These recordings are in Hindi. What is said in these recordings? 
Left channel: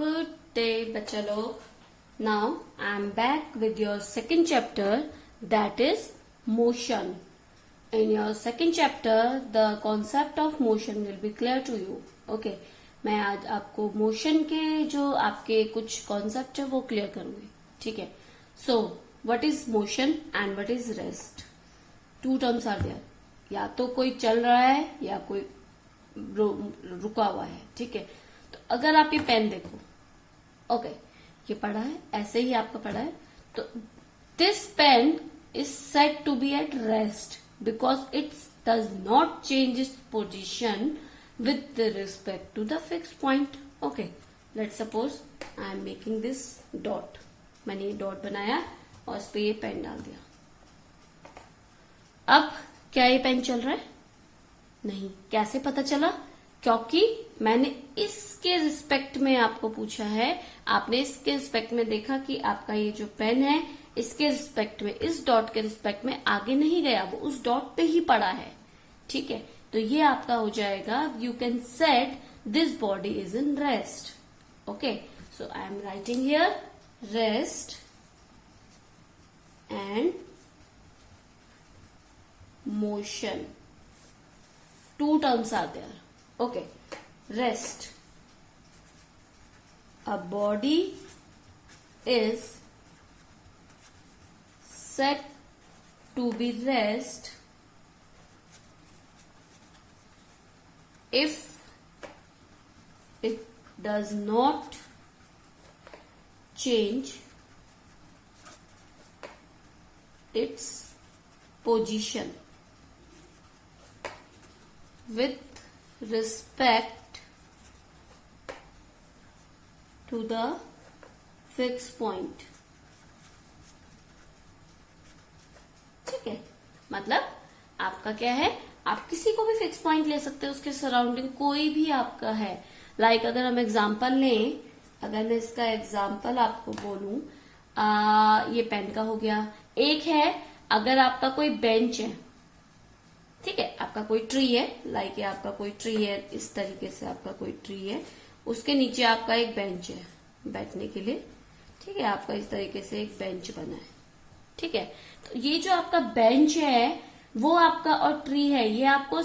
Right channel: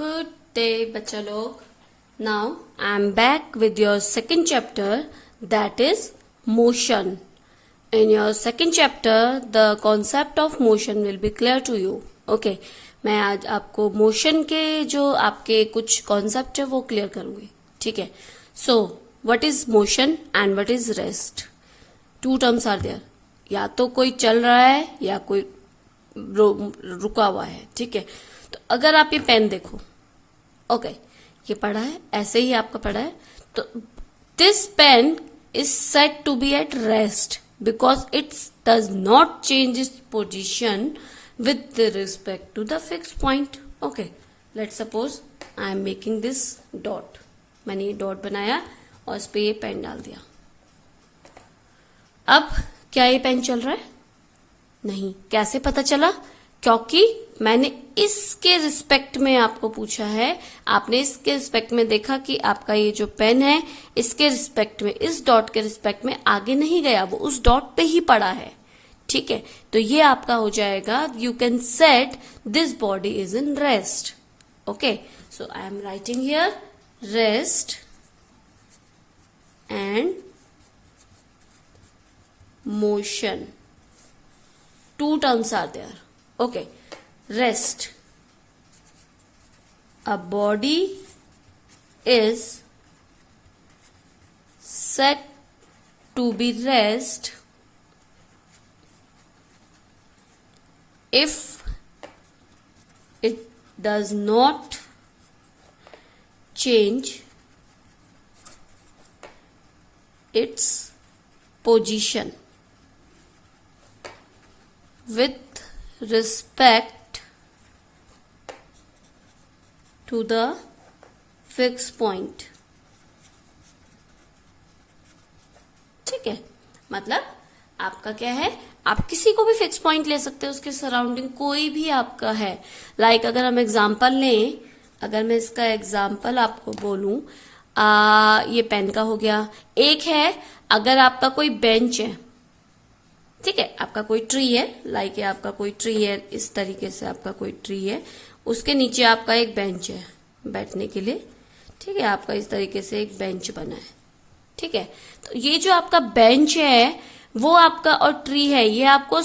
Good day, बच्चा लोग. Now I am back with your second chapter, that is motion. In your second chapter, the concept of motion will be clear to you. Okay, मैं आज आपको मोशन के जो आपके कुछ कॉन्सेप्ट है वो क्लियर करूंगी. ठीक है. So what is motion and what is rest? Two terms are there. या तो कोई चल रहा है या कोई रुका हुआ है. ठीक है. तो अगर आप ये पेन देखो, ओके, ये पड़ा है, ऐसे ही आपका पड़ा है, तो this pen is set to be at rest because it does not change its position with respect to the fixed point. Okay, let's suppose I am making this dot. मैंने ये डॉट बनाया और इस पे ये पेन डाल दिया. अब क्या ये पेन चल रहा है? नहीं. कैसे पता चला? क्योंकि मैंने इसके रिस्पेक्ट में आपको पूछा है, आपने इसके रिस्पेक्ट में देखा कि आपका ये जो पेन है इसके रिस्पेक्ट में, इस डॉट के रिस्पेक्ट में आगे नहीं गया, वो उस डॉट पे ही पड़ा है. ठीक है. तो ये आपका हो जाएगा, you can set this body is in rest. Okay, so I am writing here rest and motion. Two terms are there. Okay, rest, a body is set to be rest if it does not change its position with respect to the fixed point. ठीक है. मतलब आपका क्या है, आप किसी को भी फिक्स पॉइंट ले सकते हो, उसके सराउंडिंग कोई भी आपका है. लाइक अगर हम एग्जांपल लें, अगर मैं इसका एग्जांपल आपको बोलूं, ये पेन का हो गया. एक है, अगर आपका कोई बेंच है, ठीक है, आपका कोई ट्री है, लाइक ये आपका कोई ट्री है, इस तरीके से आपका कोई ट्री है, उसके नीचे आपका एक बेंच है बैठने के लिए. ठीक है, आपका इस तरीके से एक बेंच बना है. ठीक है. तो ये जो आपका बेंच है वो आपका, और ट्री है, ये आपको,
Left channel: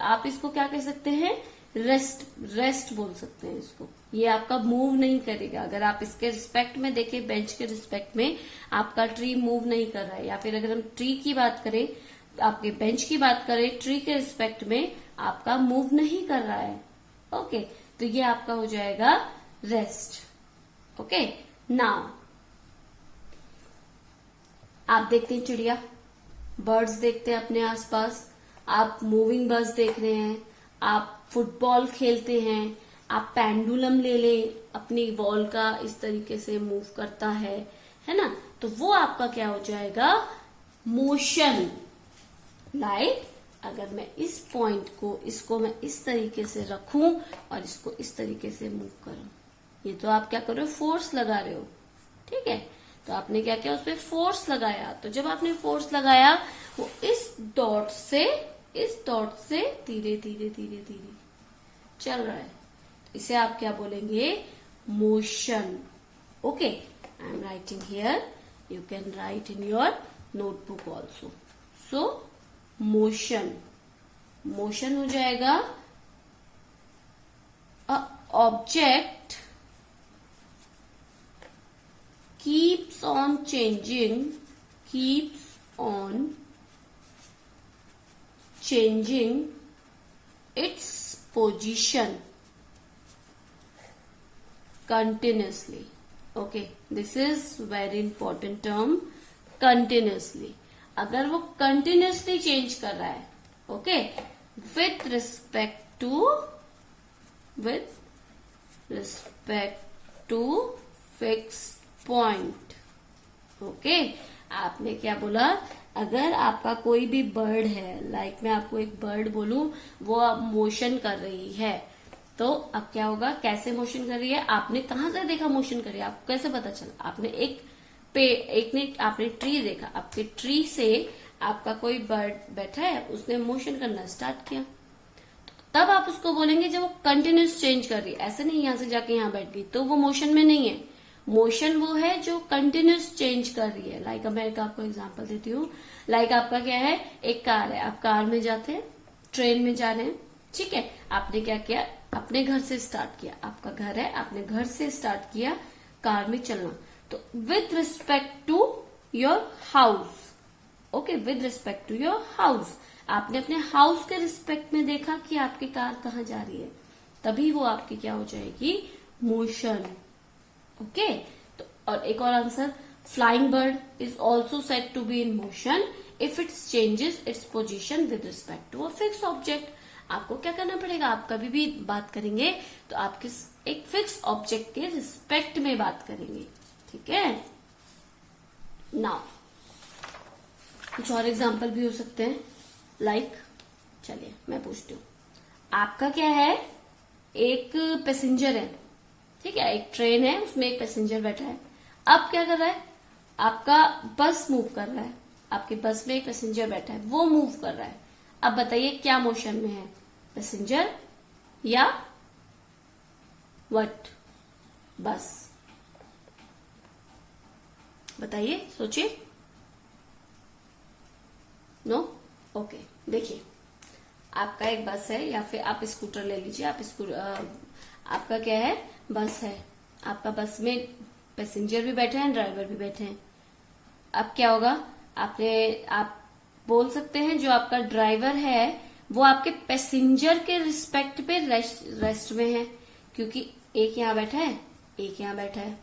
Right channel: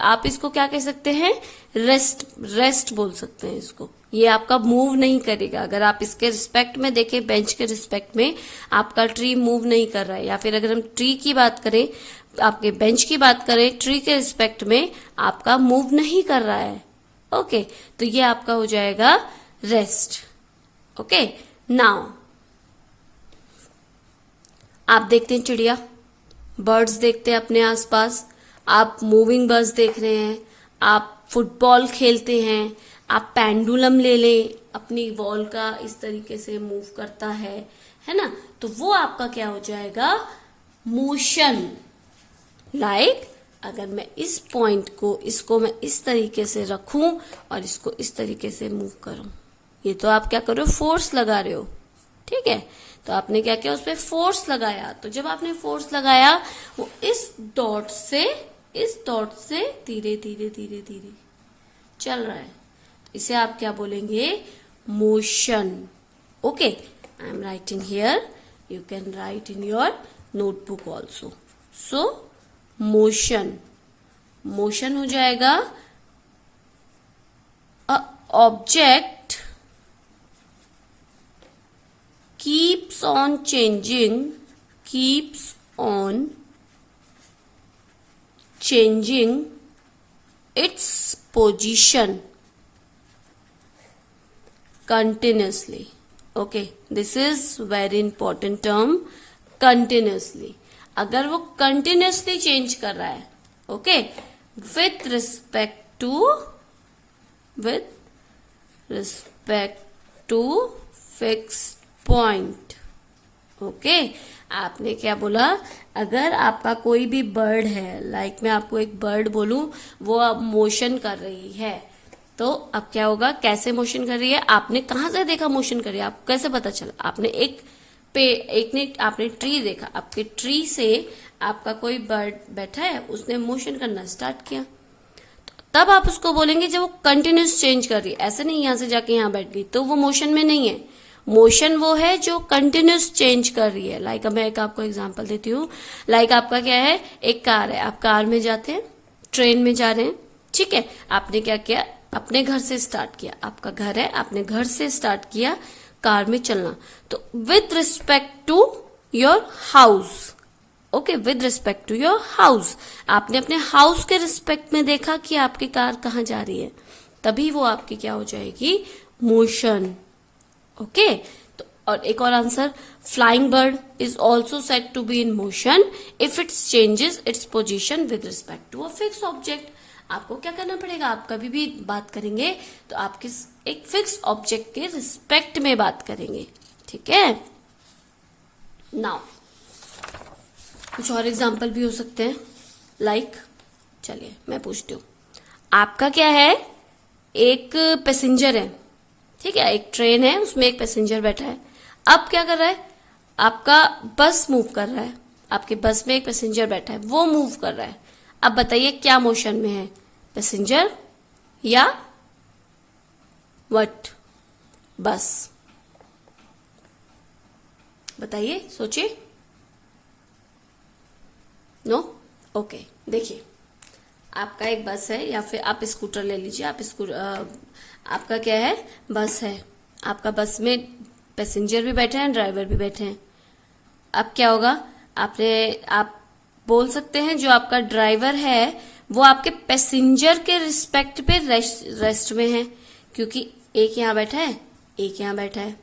आप इसको क्या कह सकते हैं, रेस्ट बोल सकते हैं इसको. ये आपका मूव नहीं करेगा. अगर आप इसके रिस्पेक्ट में देखें, बेंच के रिस्पेक्ट में आपका ट्री मूव नहीं कर रहा है. या फिर अगर हम ट्री की बात करें, आपके बेंच की बात करें, ट्री के रिस्पेक्ट में आपका मूव नहीं कर रहा है. ओके, तो ये आपका हो जाएगा रेस्ट. ओके, नाउ आप देखते हैं चिड़िया, बर्ड्स देखते हैं अपने आसपास, आप मूविंग बर्ड्स देख रहे हैं, आप फुटबॉल खेलते हैं, आप पेंडुलम ले लें, अपनी वॉल का इस तरीके से मूव करता है ना, तो वो आपका क्या हो जाएगा, मोशन. लाइक अगर मैं इस पॉइंट को, इसको मैं इस तरीके से रखूं और इसको इस तरीके से मूव करूं, ये तो आप क्या कर रहे हो, फोर्स लगा रहे हो. ठीक है. तो आपने क्या किया, उस पर फोर्स लगाया. तो जब आपने फोर्स लगाया, वो इस डॉट से धीरे धीरे धीरे धीरे चल रहा है. इसे आप क्या बोलेंगे, motion. Okay, I am writing here, you can write in your notebook also. So motion, motion हो जाएगा a object keeps on changing its position continuously. Okay, this is very important term, continuously. अगर वो continuously change कर रहा है, okay, with respect to fixed point. Okay, आपने क्या बोला, अगर आपका कोई भी बर्ड है, लाइक मैं आपको एक बर्ड बोलूं, वो अब मोशन कर रही है, तो अब क्या होगा, कैसे मोशन कर रही है, आपने कहां से देखा मोशन कर रही है, आपको कैसे पता चला, आपने ट्री देखा, आपके ट्री से आपका कोई बर्ड बैठा है, उसने मोशन करना स्टार्ट किया. तब आप उसको बोलेंगे जब वो कंटिन्यूस चेंज कर रही है। ऐसे नहीं यहां से जाके यहां बैठ गई तो वो मोशन में नहीं है। मोशन वो है जो कंटिन्यूस चेंज कर रही है। लाइक मैं एक आपको एग्जांपल देती हूँ। लाइक आपका क्या है, एक कार है, आप कार में जाते हैं, ट्रेन में जा रहे हैं, ठीक है। आपने क्या किया, अपने घर से स्टार्ट किया, आपका घर है, आपने घर से स्टार्ट किया कार में चलना। तो with respect to your house, okay, with respect to your house, आपने अपने हाउस के रिस्पेक्ट में देखा कि आपकी कार कहाँ जा रही है, तभी वो आपकी क्या हो जाएगी, मोशन। ओके, तो और एक और answer, flying bird is also said to be in motion if its changes its position with respect to a fix object. आपको क्या करना पड़ेगा, आप कभी भी बात करेंगे तो आप किस एक फिक्स ऑब्जेक्ट के रिस्पेक्ट में बात करेंगे, ठीक है। नाउ कुछ और एग्जाम्पल भी हो सकते हैं। लाइक चलिए मैं पूछती हूँ, आपका क्या है, एक पैसेंजर है, ठीक है, एक ट्रेन है, उसमें एक पैसेंजर बैठा है। अब क्या कर रहा है, आपका बस मूव कर रहा है, आपके बस में एक पैसेंजर बैठा है, वो मूव कर रहा है। अब बताइए क्या मोशन में है, पैसेंजर या व्हाट, बस, बताइए, सोचिए। नो, ओके, देखिए आपका एक बस है या फिर आप स्कूटर ले लीजिए, आपका क्या है, बस है, आपका बस में पैसेंजर भी बैठे हैं, ड्राइवर भी बैठे हैं। अब क्या होगा, आप बोल सकते हैं जो आपका ड्राइवर है वो आपके पैसेंजर के रिस्पेक्ट पे रेस्ट में है, क्योंकि एक यहाँ बैठा है, एक यहाँ बैठा है,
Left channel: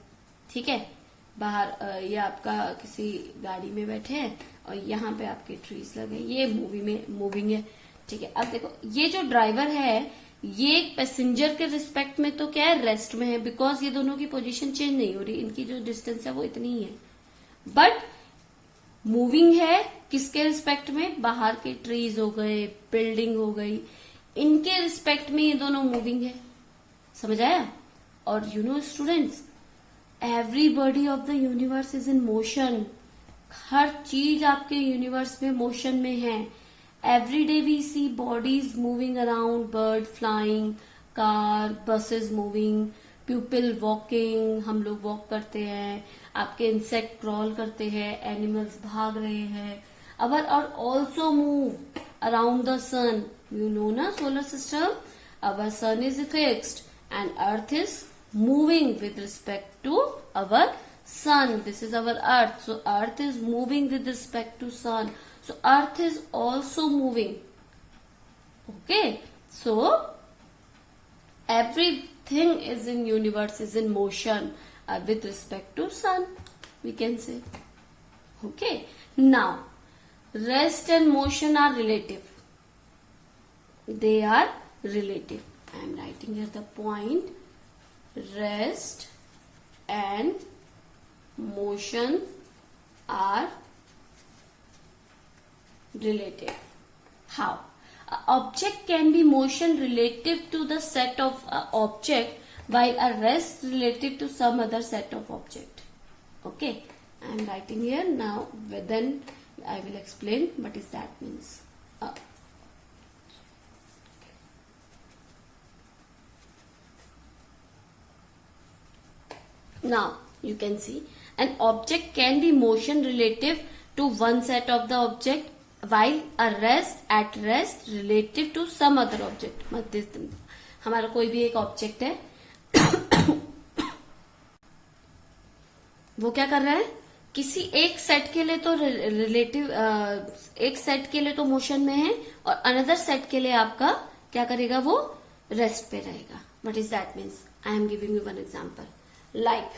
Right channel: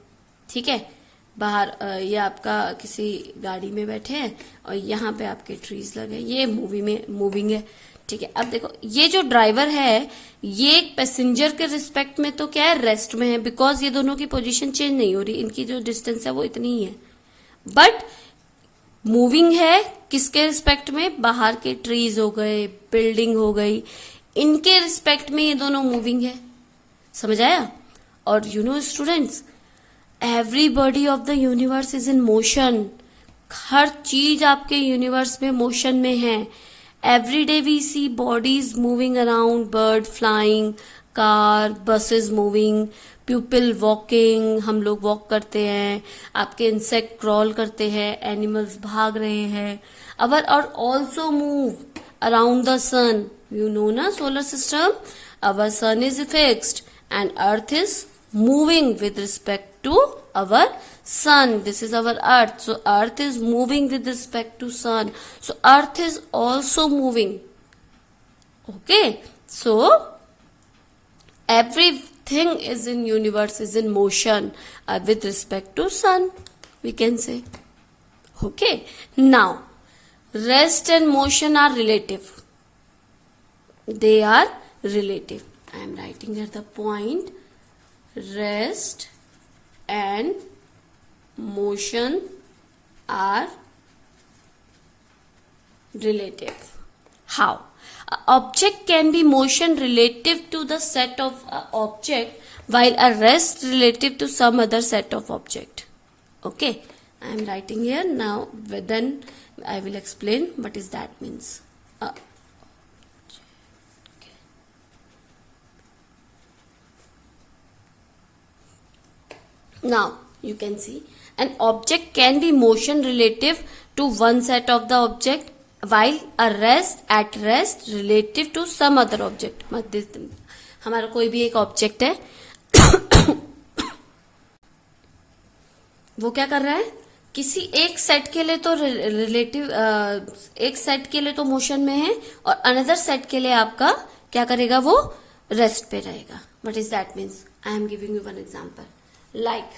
ठीक है। बाहर ये आपका किसी गाड़ी में बैठे हैं और यहाँ पे आपके ट्रीज लगे, ये मूविंग है, ठीक है। अब देखो ये जो ड्राइवर है ये पैसेंजर के रिस्पेक्ट में तो क्या है, रेस्ट में है, बिकॉज ये दोनों की पोजीशन चेंज नहीं हो रही, इनकी जो डिस्टेंस है वो इतनी ही है। बट मूविंग है किसके रिस्पेक्ट में, बाहर के ट्रीज हो गए, बिल्डिंग हो गई, इनके रिस्पेक्ट में ये दोनों मूविंग है, समझ आया। और you know students, every body of the universe is in motion, हर चीज आपके यूनिवर्स में मोशन में है। Every day we see bodies moving around, bird flying, car, buses moving, people walking, हम लोग वॉक करते हैं, आपके इंसेक्ट क्रॉल करते हैं, एनिमल्स भाग रहे हैं, और also move around the sun, you know ना, solar system, our sun is fixed and earth is moving with respect to our sun. This is our earth, so earth is moving with respect to sun, so earth is also moving. Okay, so everything is in universe is in motion with respect to sun, we can say. Okay, now rest and motion are relative, they are relative. I am writing here the point, rest and motion are relative. How? An object can be motion relative to the set of object, while a rest relative to some other set of object. Okay, I am writing here now, then I will explain what is that means. Now you can see an object can be motion relative to one set of the object, while a rest relative to some other object. हमारा कोई भी एक ऑब्जेक्ट है वो क्या कर रहा है, किसी एक सेट के लिए तो रिलेटिव, एक सेट के लिए तो मोशन में है और अनदर सेट के लिए आपका क्या करेगा, वो रेस्ट पे रहेगा. What is that means? I am giving you one example. Like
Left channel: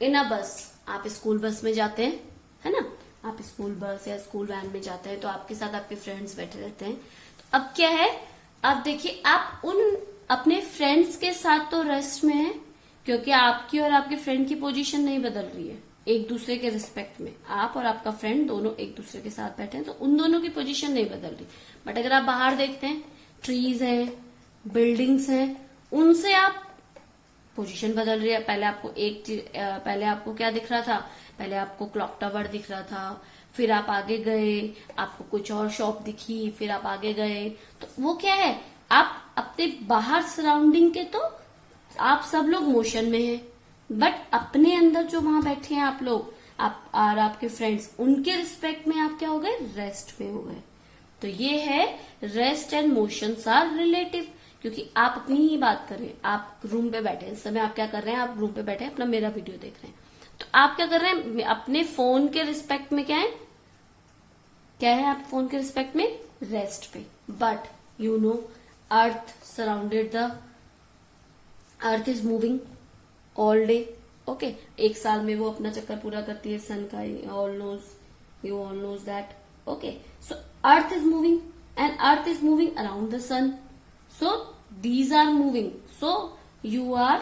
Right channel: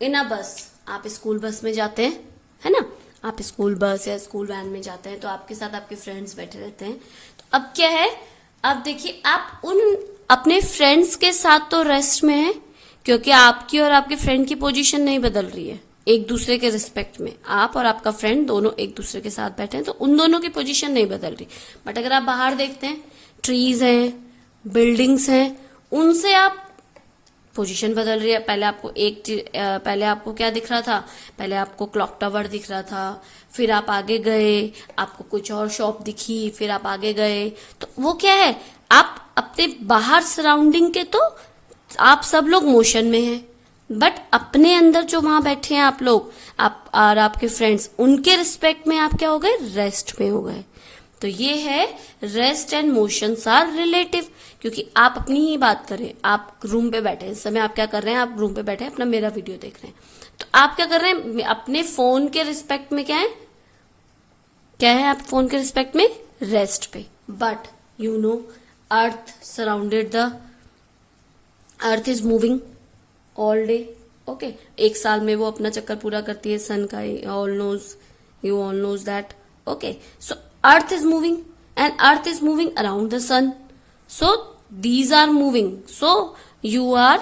in a bus, आप स्कूल बस में जाते हैं, है ना, आप स्कूल बस या स्कूल वैन में जाते हैं तो आपके साथ आपके फ्रेंड्स बैठे रहते हैं. तो अब क्या है, अब देखिए आप उन अपने फ्रेंड्स के साथ तो रेस्ट में है क्योंकि आपकी और आपके फ्रेंड की पोजीशन नहीं बदल रही है, एक दूसरे के रिस्पेक्ट में आप और आपका फ्रेंड दोनों एक दूसरे के साथ बैठे हैं तो उन दोनों की पोजीशन नहीं बदल रही. बट अगर आप बाहर देखते हैं, ट्रीज हैं, बिल्डिंग्स हैं, उनसे आप पोजीशन बदल रही है. पहले आपको क्या दिख रहा था, पहले आपको क्लॉक टावर दिख रहा था, फिर आप आगे गए आपको कुछ और शॉप दिखी, फिर आप आगे गए, तो वो क्या है, आप अपने बाहर सराउंडिंग के तो आप सब लोग मोशन में हैं, बट अपने अंदर जो वहां बैठे हैं आप लोग, आप और आपके फ्रेंड्स, उनके रिस्पेक्ट में आप क्या हो गए, रेस्ट में हो गए। तो ये है rest and motions are relative, क्योंकि आप अपनी ही बात करें, आप रूम पे बैठे हैं, इस समय आप क्या कर रहे हैं, आप रूम पे बैठे हैं, अपना मेरा वीडियो देख रहे हैं, तो आप क्या कर रहे हैं, अपने फोन के रिस्पेक्ट में क्या है आप फोन के रिस्पेक्ट में, रेस्ट पे। But you know earth surrounded the earth is moving all day, okay, एक साल में वो अपना चक्कर पूरा करती है सन का, all knows, you all know that, okay. So earth is moving and earth is moving around the sun, so these are moving, so you are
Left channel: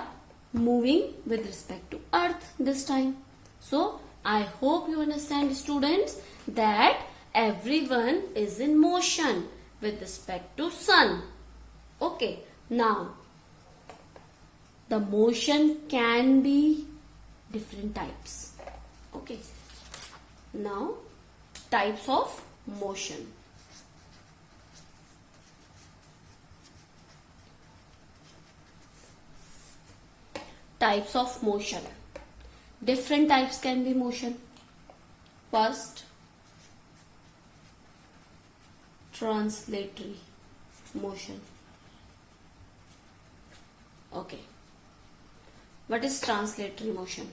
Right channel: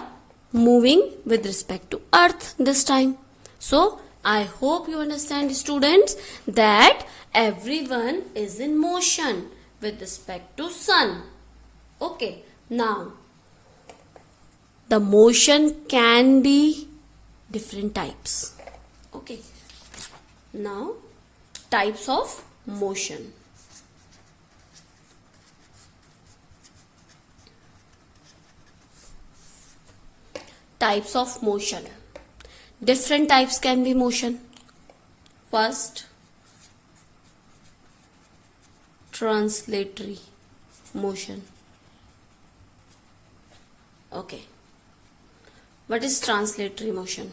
moving with respect to earth this time. So I hope you understand, students, that everyone is in motion with respect to sun. Okay, now the motion can be different types. Okay, now types of motion. Types of motion. Different types can be motion. First, translatory motion. Okay. What is translatory motion?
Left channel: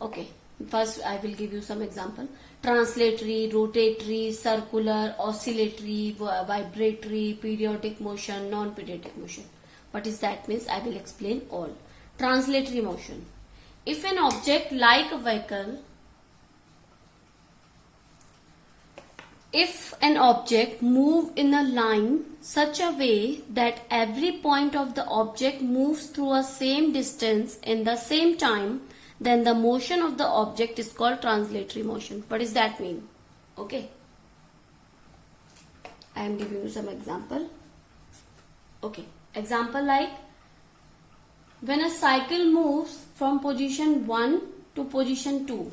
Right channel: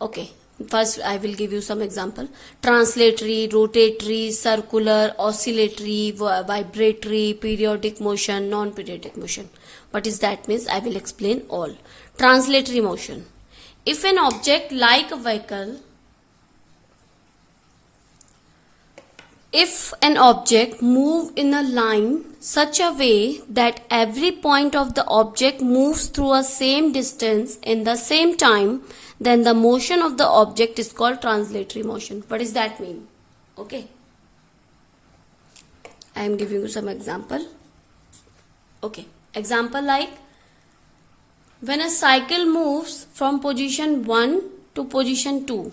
Okay. First, I will give you some example. Translatory, rotatory, circular, oscillatory, vibratory, periodic motion, non-periodic motion. What is that means? I will explain all. Translatory motion. If an object like a vehicle, if an object move in a line such a way that every point of the object moves through a same distance in the same time, then the motion of the object is called translatory motion. What does that mean? Okay. I am giving you some example. Okay. Example like, when a cycle moves from position 1 to position 2,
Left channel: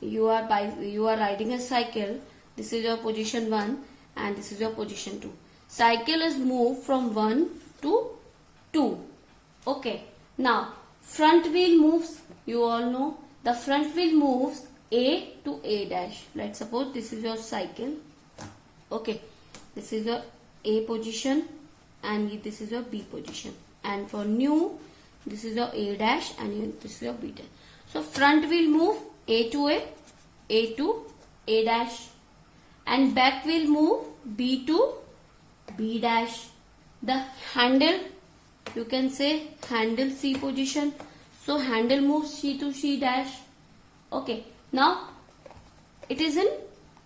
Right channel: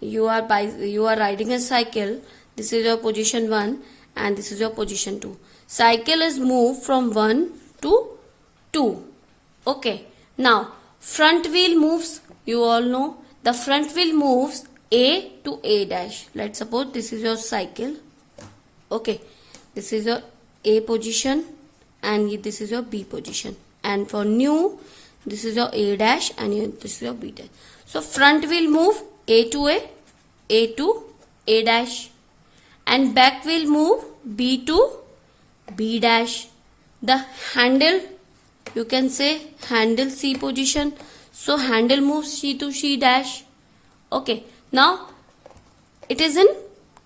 you are riding a cycle, this is your position 1 and this is your position 2. Cycle is moved from 1 to 2. Okay, now front wheel moves, you all know the front wheel moves A to A dash. Let's suppose this is your cycle. Okay, this is your A position and this is your B position, and for new this is your A dash and this is your B dash. So front wheel move A to A dash, and back wheel move B to B dash. The handle, you can say handle C position, so handle moves C to C dash. Okay, now it is in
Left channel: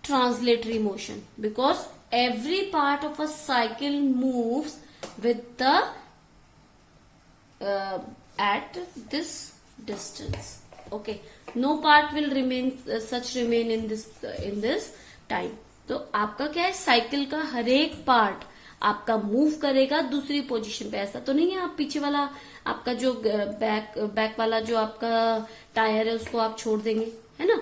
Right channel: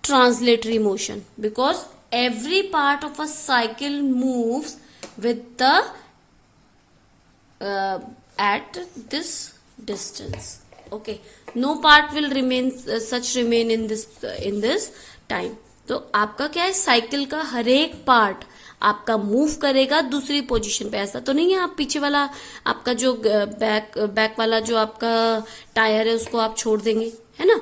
translatory motion because every part of a cycle moves with the at this distance. Okay, no part will remain in this time. तो आपका क्या है, साइकिल का हर एक पार्ट आपका मूव करेगा दूसरी पोजीशन पे। ऐसा तो नहीं है आप पीछे वाला आपका जो बैक वाला जो आपका टायर है उसको आप छोड़ देंगे, है ना।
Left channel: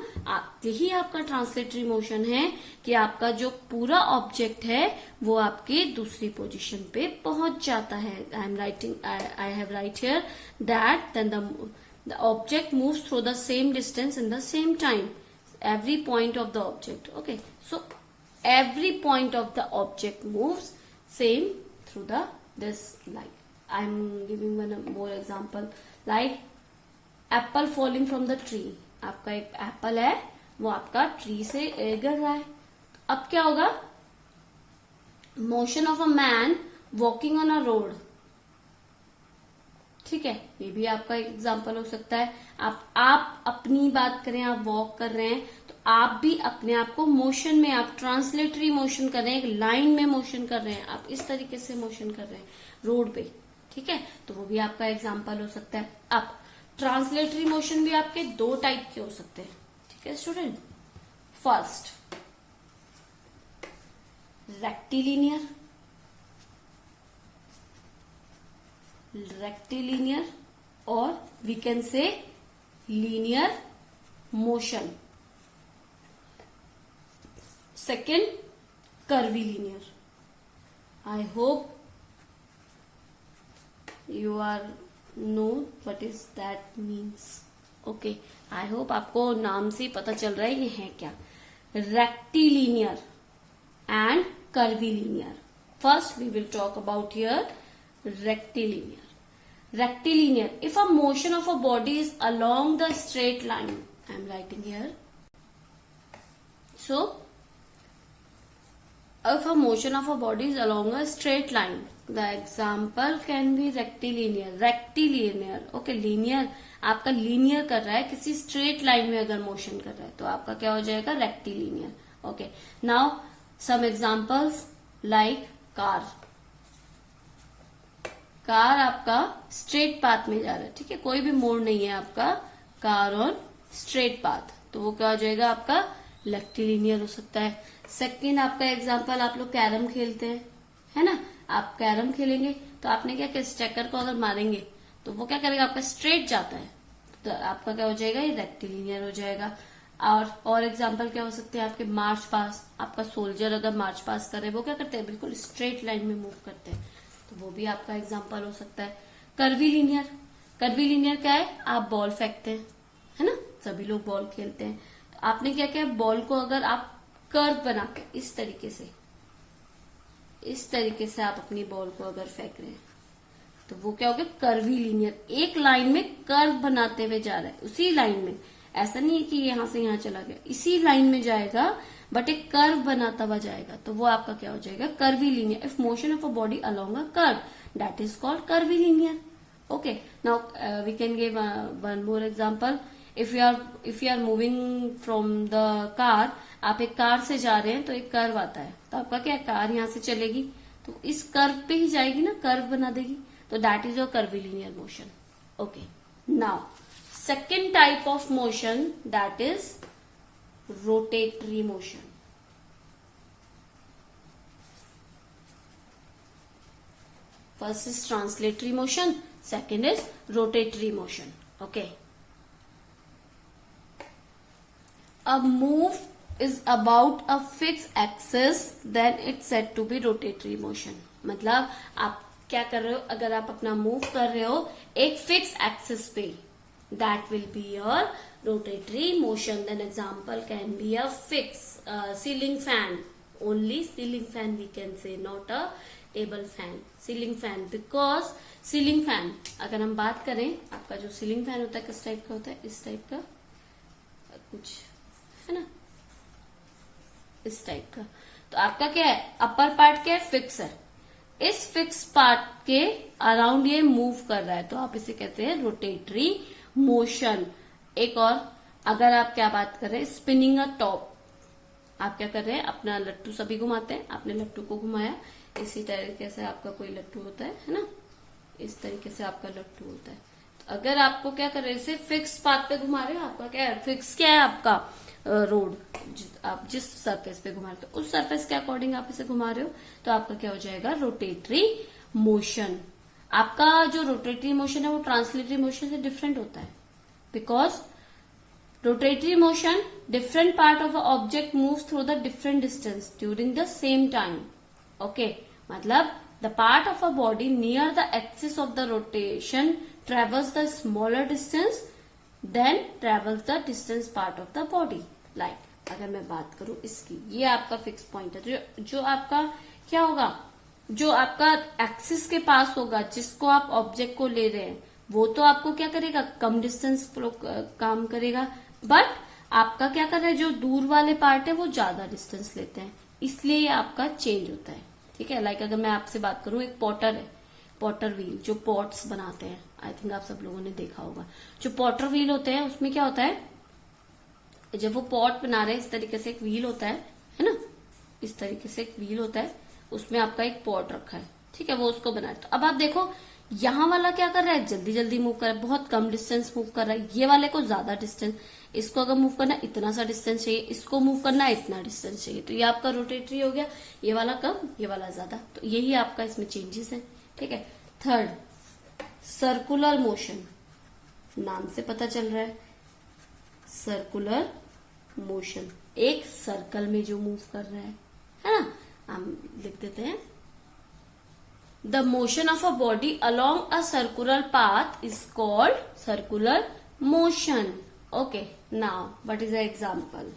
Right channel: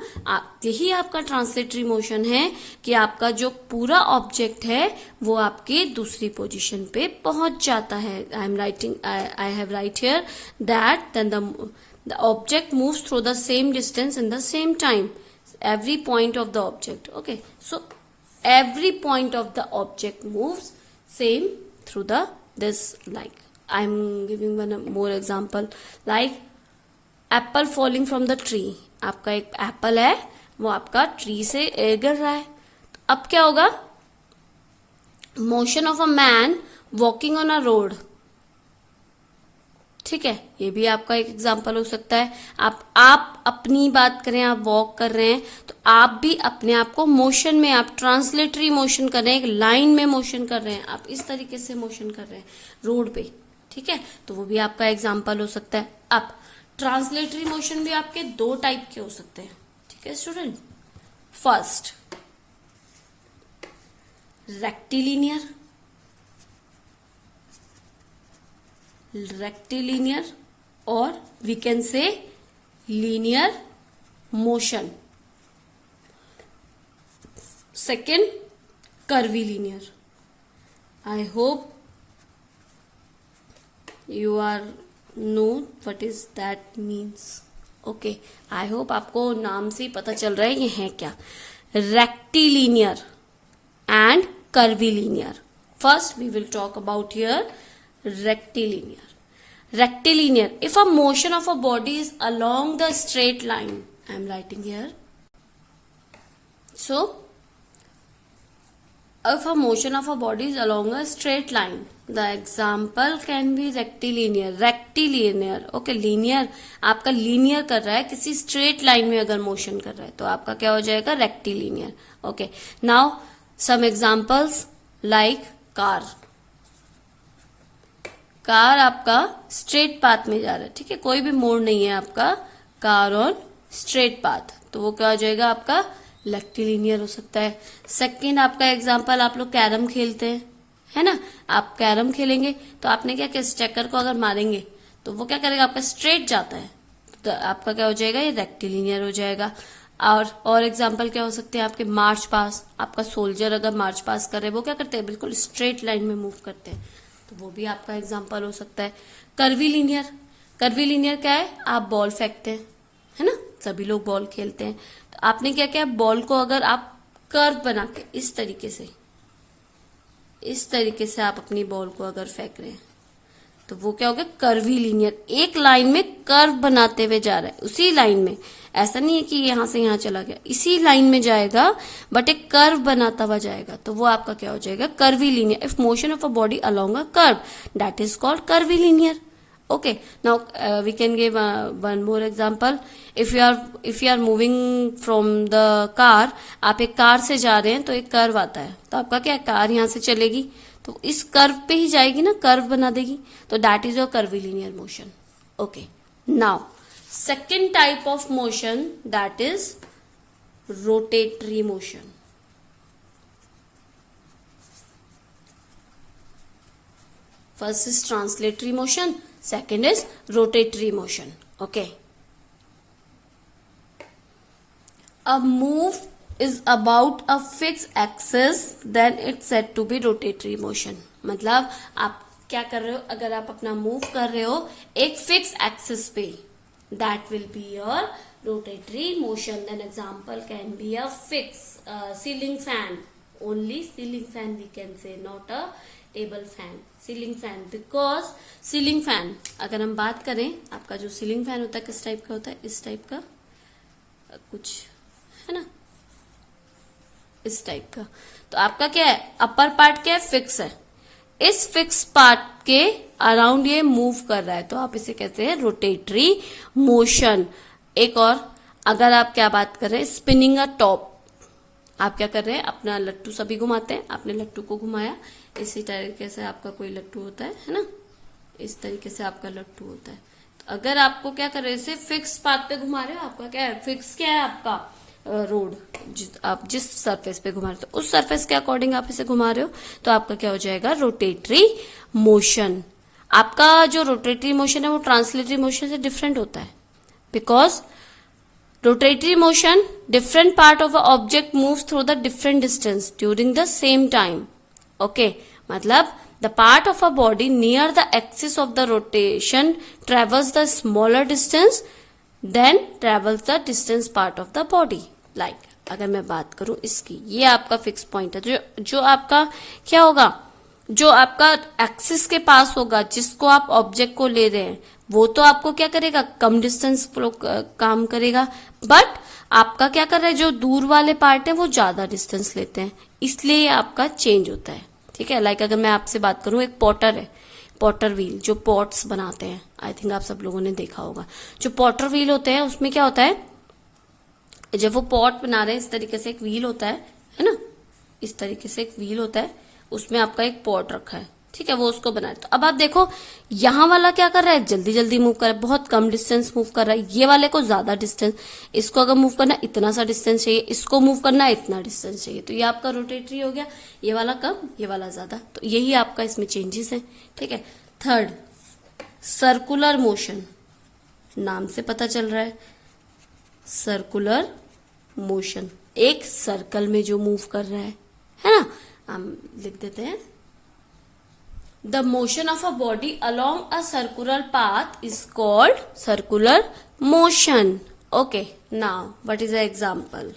यही आपका ट्रांसलेटरी मोशन है कि आपका जो पूरा ऑब्जेक्ट है वो आपकी दूसरी पोजीशन पे पहुंच जाता है। I have write here that then the object moves through the same distance in the same time, every point of the object. Okay, so every point of the object moves same through this line. I'm giving one more example like apple falling from the tree. आपका एक एप्पल है वो आपका ट्री से गिर रहा है, अब क्या होगा, motion of a man walking on a road. ठीक है, ये भी आपका एक एग्जाम्पल हो सकता है। आप अपनी बात करें, आप वॉक कर रहे हैं तो आप भी अपने आप को मोशन में, आप ट्रांसलेटरी मोशन कर रहे हैं, एक लाइन में मोशन कर रहे हैं, आप इस तरीके से मोशन कर रहे हैं रोड पे। ठीक है, तो वो भी आपका एग्जाम्पल हो सकता है। अब ट्रांसलेटरी मोशन भी आपके दो टाइप के हो सकते हैं। ठीक है student, first rectilinear or we can say linear motion. Second, curvilinear. I hope you are know what is that means. Okay, I hope आपको नाम से पता चल रहा है ये है क्या। Rectilinear and curvilinear. First we will talk about here rectilinear. Rectilinear, if a motion of a body is along the straight line, I am writing here. So, if a motion of a body is along a straight line, the example can be rectilinear. Rectilinear, okay, linear, आपका linear कर रहा है, किसी straight line में अगर motion कर रहा है तो आपका क्या हो जाएगा, rectilinear. Okay, now some examples like car. Car आपका स्ट्रेट पाथ में जा रहा है, ठीक है, कोई भी मोड़ नहीं है आपका, कार ऑन स्ट्रेट पाथ, तो वो क्या हो जाएगा आपका रेक्टिलिनियर हो सकता है। सेकंड आपका एग्जांपल, आप लोग कैरम खेलते हैं, है ना, आप कैरम खेलेंगे तो आपने क्या किया, स्टेकर को अगर मारेंगे तो वो क्या करेगा, आपका स्ट्रेट जाता है, तो आपका क्या हो जाएगा, ये रेक्टिलिनियर हो जाएगा। और एग्जाम्पल क्या हो सकते हैं आपके, मार्च पास, आपका सोल्जर अगर मार्च पास कर रहे हैं वो क्या करते हैं, बिल्कुल स्ट्रेट लाइन में मूव करते हैं, तो वो भी आपका एग्जाम्पल हो सकता है। कर्वीलिनियर, कर्वीलिनियर क्या है, आप बॉल फेंकते हैं, है ना, सभी लोग बॉल खेलते हैं, तो आपने क्या किया, बॉल को अगर आप कर्व बना के इस तरीके से आप अपनी बॉल को अगर फेंक रहे हैं तो वो क्या हो गया, कर्वीलिनियर, एक लाइन में कर्व बनाते हुए जा रहा है, उसी लाइन में, ऐसा नहीं है कि यहां से यहां चला गया, इसी लाइन में जाएगा बट एक कर्व बनाता हुआ जाएगा, तो वो आपका क्या हो जाएगा, curvilinear. If motion of a body along a curve that is called curvilinear. Okay, now we can give one more example. If you are moving from the car, आप एक कार से जा रहे हैं तो एक कर्व आता है, तो आपका क्या, कार यहां से चलेगी तो इस कर्व पे ही जाएगी ना, कर्व बना देगी, तो that is your curvilinear motion. Okay, now second type of motion, that is rotatory motion. First is translatory motion, second is rotatory motion. Okay, a move is about a fixed axis, then it's said to be rotatory motion. मतलब आप क्या कर रहे हो, अगर आप अपना मूव कर रहे हो एक फिक्स एक्सिस पे, that will be your rotatory motion. Then example can be a fixed ceiling fan, only ceiling fan we can say, not a table fan, ceiling fan, because ceiling fan अगर हम बात करें, आपका जो ceiling fan होता है किस टाइप का होता है, इस टाइप का कुछ है ना, इस टाइप का, तो आपका क्या है, अपर पार्ट क्या है, फिक्स है, इस फिक्स पार्ट के अराउंड ये मूव कर रहा है, तो आप इसे कहते हैं रोटेटरी मोशन। एक और, अगर आप क्या बात कर रहे हैं, स्पिनिंग अ टॉप, आप क्या कर रहे हैं, अपना लट्टू सभी घुमाते हैं, आपने लट्टू को घुमाया, इसी तरीके से आपका कोई लट्टू होता है ना, इस तरीके से आपका लट्टू होता है, तो अगर आपको क्या कर रहे हैं, इसे फिक्स पाथ पे घुमा रहे हैं, आपका क्या है, फिक्स क्या है आपका रोड, आप जिस सरफेस पे घुमा रहे हो तो उस सरफेस के अकॉर्डिंग आप इसे घुमा रहे हो, तो आपका क्या हो जाएगा, रोटेटरी मोशन। आपका जो रोटेटरी मोशन है वो ट्रांसलेटरी मोशन से डिफरेंट होता है, because rotatory motion, different part of a object moves through the different distance during the same time. Okay, मतलब the part of a body near the axis of the rotation travels the smaller distance then travels the distance part of the body. Like अगर मैं बात करूं इसकी, ये आपका फिक्स पॉइंट है, जो आपका क्या होगा, जो आपका एक्सिस के पास होगा, जिसको आप ऑब्जेक्ट को ले रहे हैं, वो तो आपको क्या करेगा, कम डिस्टेंस काम करेगा, बट आपका क्या कर रहा है, जो दूर वाले पार्ट है वो ज्यादा डिस्टेंस लेते हैं, इसलिए आपका चेंज होता है। ठीक है, लाइक अगर मैं आपसे बात करूं, एक पॉटर है, पॉटर व्हील, जो पॉट्स बनाते हैं, आई थिंक आप सब लोगों ने देखा होगा, जो पॉटर व्हील होते हैं उसमें क्या होता है, जब वो पॉट बना रहे हैं इस तरीके से एक व्हील होता है ना, इस तरीके से एक व्हील होता है, उसमें आपका एक पॉट रखा है, ठीक है, वो उसको बना रहे। तो अब आप देखो यहाँ वाला क्या कर रहा है, जल्दी जल्दी मूव कर रहा है, बहुत कम डिस्टेंस मूव कर रहा है, ये वाले को ज्यादा डिस्टेंस, इसको अगर मूव करना इतना सा डिस्टेंस चाहिए, इसको मूव करना इतना डिस्टेंस चाहिए, तो ये आपका रोटेटरी हो गया, ये वाला कम, ये वाला ज्यादा, तो यही आपका इसमें चेंजेस है। ठीक है, थर्ड सर्कुलर मोशन, नाम से पता चल रहा है, सर्कुलर मोशन, एक सर्कल में जो मूव कर रहा है ना, हम लिख देते हैं the motion of a body along a circular path is called circular motion. Okay, now what is the example.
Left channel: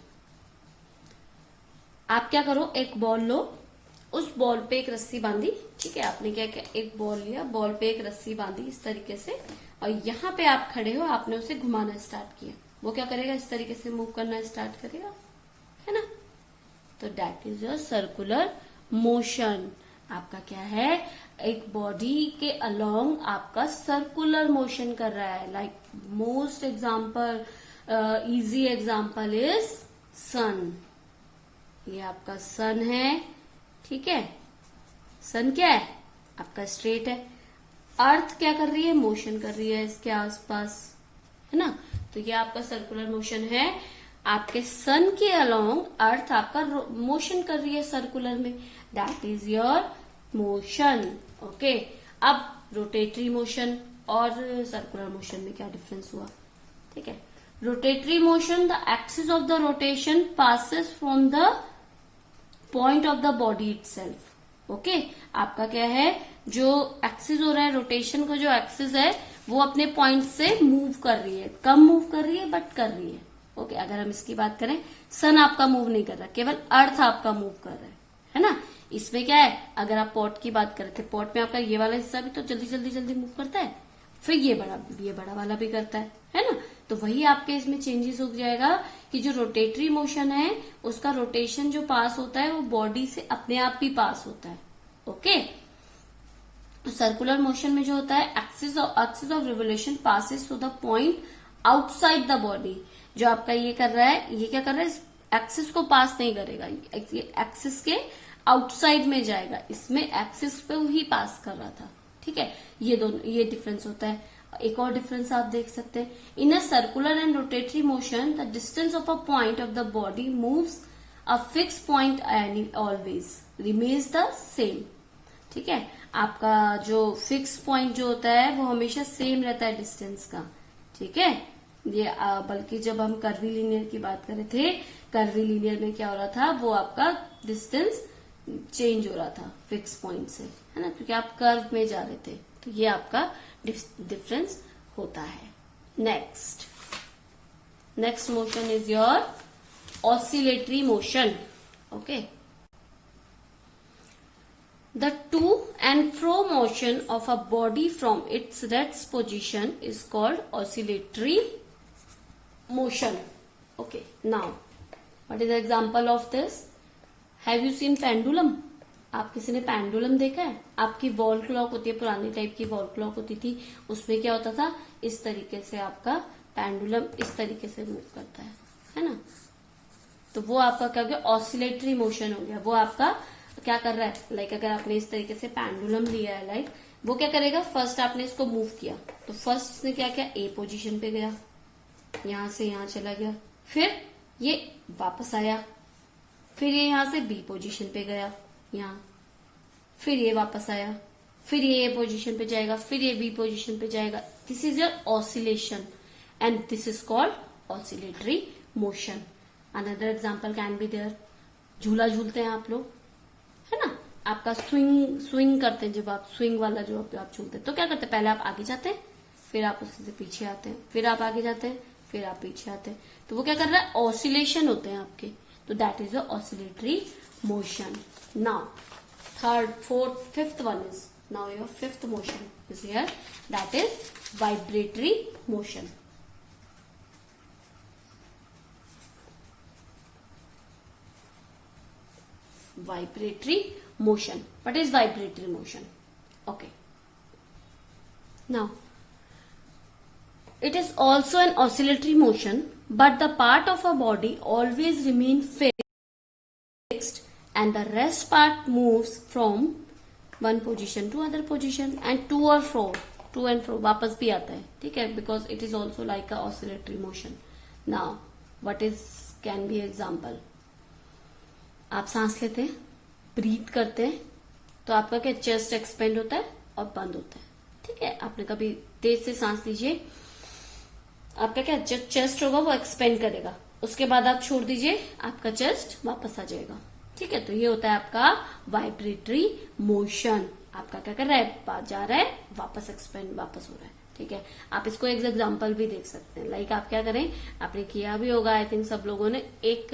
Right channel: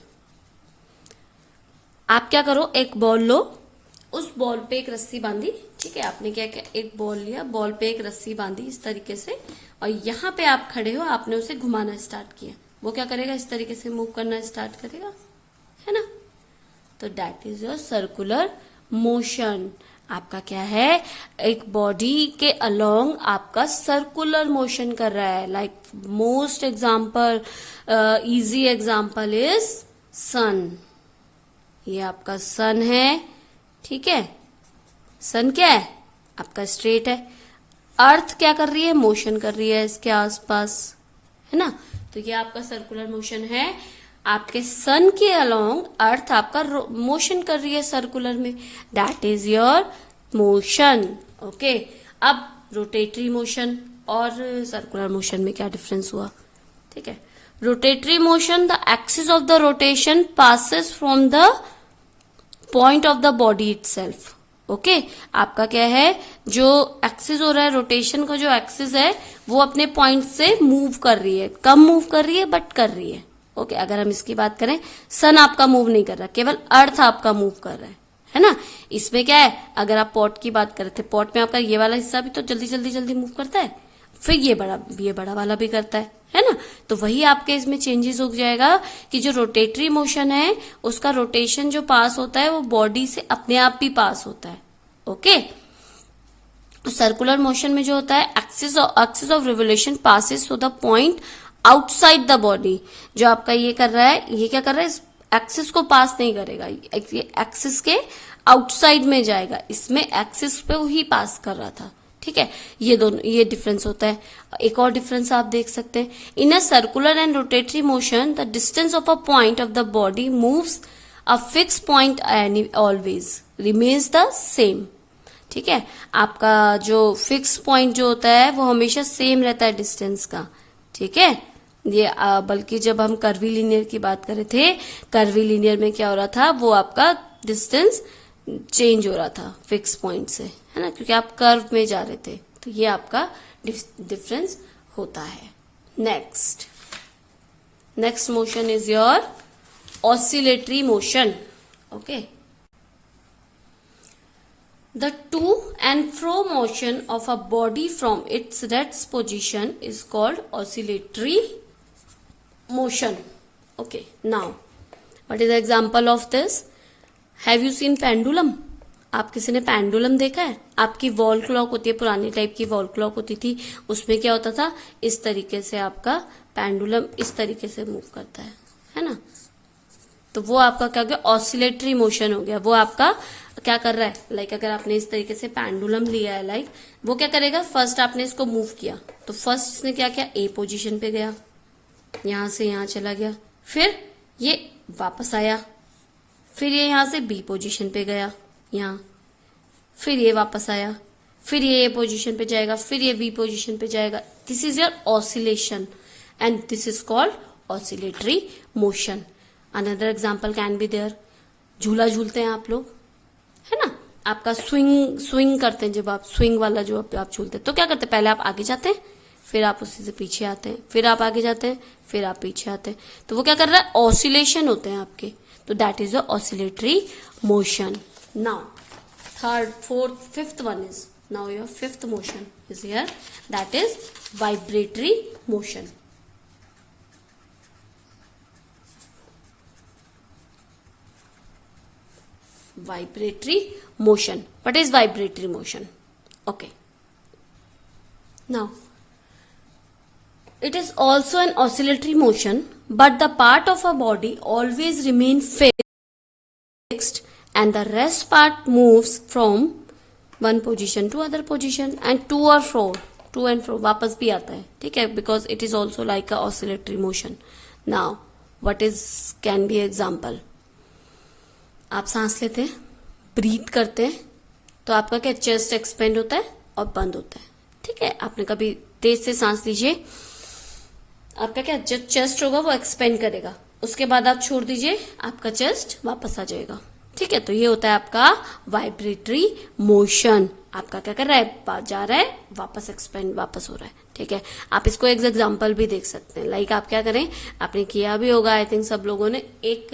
आप क्या करो, एक बॉल लो, उस बॉल पे एक रस्सी बांधी. ठीक है, आपने क्या किया, एक बॉल लिया, बॉल पे एक रस्सी बांधी इस तरीके से, और यहाँ पे आप खड़े हो, आपने उसे घुमाना स्टार्ट किया. वो क्या करेगा, इस तरीके से मूव करना स्टार्ट करेगा, है ना. तो that is your circular motion. आपका क्या है, एक बॉडी के अलोंग आपका सर्कुलर मोशन कर रहा है. Like most example, easy example is sun. ये आपका सन है. ठीक है, सन क्या है, आपका स्ट्रेट है. अर्थ क्या कर रही है, मोशन कर रही है इसके आसपास, है ना. तो ये आपका सर्कुलर मोशन है. आपके सन के अलोंग अर्थ आपका मोशन कर रही है सर्कुलर में. That is your motion. Okay, अब रोटेटरी मोशन और सर्कुलर मोशन में क्या डिफरेंस हुआ. ठीक है, rotatory motion, the axis of the rotation passes from the point of the body itself. Okay, आपका क्या है, जो एक्सिस हो रहा है, रोटेशन का जो एक्सिस है वो अपने पॉइंट से मूव कर रही है. कम मूव कर रही है बट कर रही है. ओके, अगर हम इसकी बात करें, सन आपका मूव नहीं कर रहा, केवल अर्थ आपका मूव कर रहा है ना. इसमें क्या है, अगर आप पॉट की बात कर रहे थे, पॉट में आपका ये वाला हिस्सा भी तो जल्दी जल्दी जल्दी मूव करता है, फिर ये बड़ा वाला भी करता है ना. तो वही आपके इसमें चेंजेस हो जाएगा कि जो रोटेटरी मोशन है उसका रोटेशन जो पास होता है वो बॉडी से अपने आप भी पास होता है. ओके, सर्कुलर मोशन में जो होता है, axis of revolution passes to the point outside the body. जो आपका ये कर रहा है, ये क्या कर रहा है, एक्सिस को पास नहीं करेगा, ये एक्सिस के आउटसाइड में जाएगा. इसमें एक्सिस पे ही पास कर रहा था. ठीक है, ये दोनों, ये डिफरेंस होता है. एक और डिफरेंस आप देख सकते हैं, in a circular and rotatory motion the distance of a point of the body moves a fix point always remains the same. ठीक है, आपका जो फिक्स पॉइंट जो होता है वो हमेशा सेम रहता है डिस्टेंस का. ठीक है, ये बल्कि जब हम कर्वी लीनियर की बात कर रहे थे, कर्वी लीनियर में क्या हो रहा था, वो आपका डिस्टेंस चेंज हो रहा था फिक्स पॉइंट से, है ना, क्योंकि आप कर्व में जा रहे थे. तो ये आपका डिफरेंस होता है. Next motion is your oscillatory motion. Okay, the to and fro motion of a body from its rest position is called oscillatory motion. Okay, now what is the example of this? Have you seen pendulum? आप किसी ने पेंडुलम देखा है? आपकी वॉल क्लॉक होती है, पुरानी टाइप की वॉल क्लॉक होती थी, उसमें क्या होता था, इस तरीके से आपका पेंडुलम इस तरीके से मूव करता है ना. तो वो आपका क्या हो गया, ऑसिलेटरी मोशन हो गया. वो आपका क्या कर रहा है, लाइक अगर आपने इस तरीके से पेंडुलम लिया है, लाइक वो क्या करेगा, फर्स्ट आपने इसको मूव किया, तो फर्स्ट इसने क्या किया, ए पोजीशन पे गया, यहां से यहां चला गया, फिर ये वापस आया, फिर ये यहां से बी पोजीशन पे गया यहां, फिर ये वापस आया, फिर ये ए पोजीशन पे जाएगा, फिर ये बी पोजीशन पे जाएगा. This is your oscillation and this is called oscillatory motion. Another example can be there, झूला झूलते हैं आप लोग, है ना. आपका स्विंग करते हैं, जब आप स्विंग वाला जो आप झूलते हैं, तो क्या करते हैं, पहले आप आगे जाते हैं, फिर आप उसी से पीछे आते हैं, फिर आप आगे जाते हैं, फिर आप पीछे आते हैं. तो वो क्या कर रहा है, ऑसिलेशन होते हैं आपके. तो that is the oscillatory motion. Now third, fourth, fifth one is, now your fifth motion is here, that is vibratory motion. Vibratory motion. What is vibratory motion? Okay. Now, it is also an oscillatory motion, but the part of a body always remain fixed and the rest part moves from one position to other position and to and fro वापस भी आता है. ठीक है, because it is also like a oscillatory motion. Now, what is can be example? आप सांस लेते हैं, ब्रीथ करते हैं, तो आपका क्या, चेस्ट एक्सपेंड होता है और बंद होता है. ठीक है, आपने कभी तेज से सांस लीजिए, आपका क्या, जो चेस्ट होगा वो एक्सपेंड करेगा, उसके बाद आप छोड़ दीजिए, आपका चेस्ट वापस आ जाएगा. ठीक है, तो ये होता है आपका वाइब्रेटरी मोशन. आपका क्या कर रहा है, जा रहा है, वापस एक्सपेंड वापस हो रहा है। ठीक है, आप इसको एक एग्जांपल भी देख सकते हैं। लाइक आप क्या करें, आपने किया भी होगा आई थिंक सब लोगों ने, एक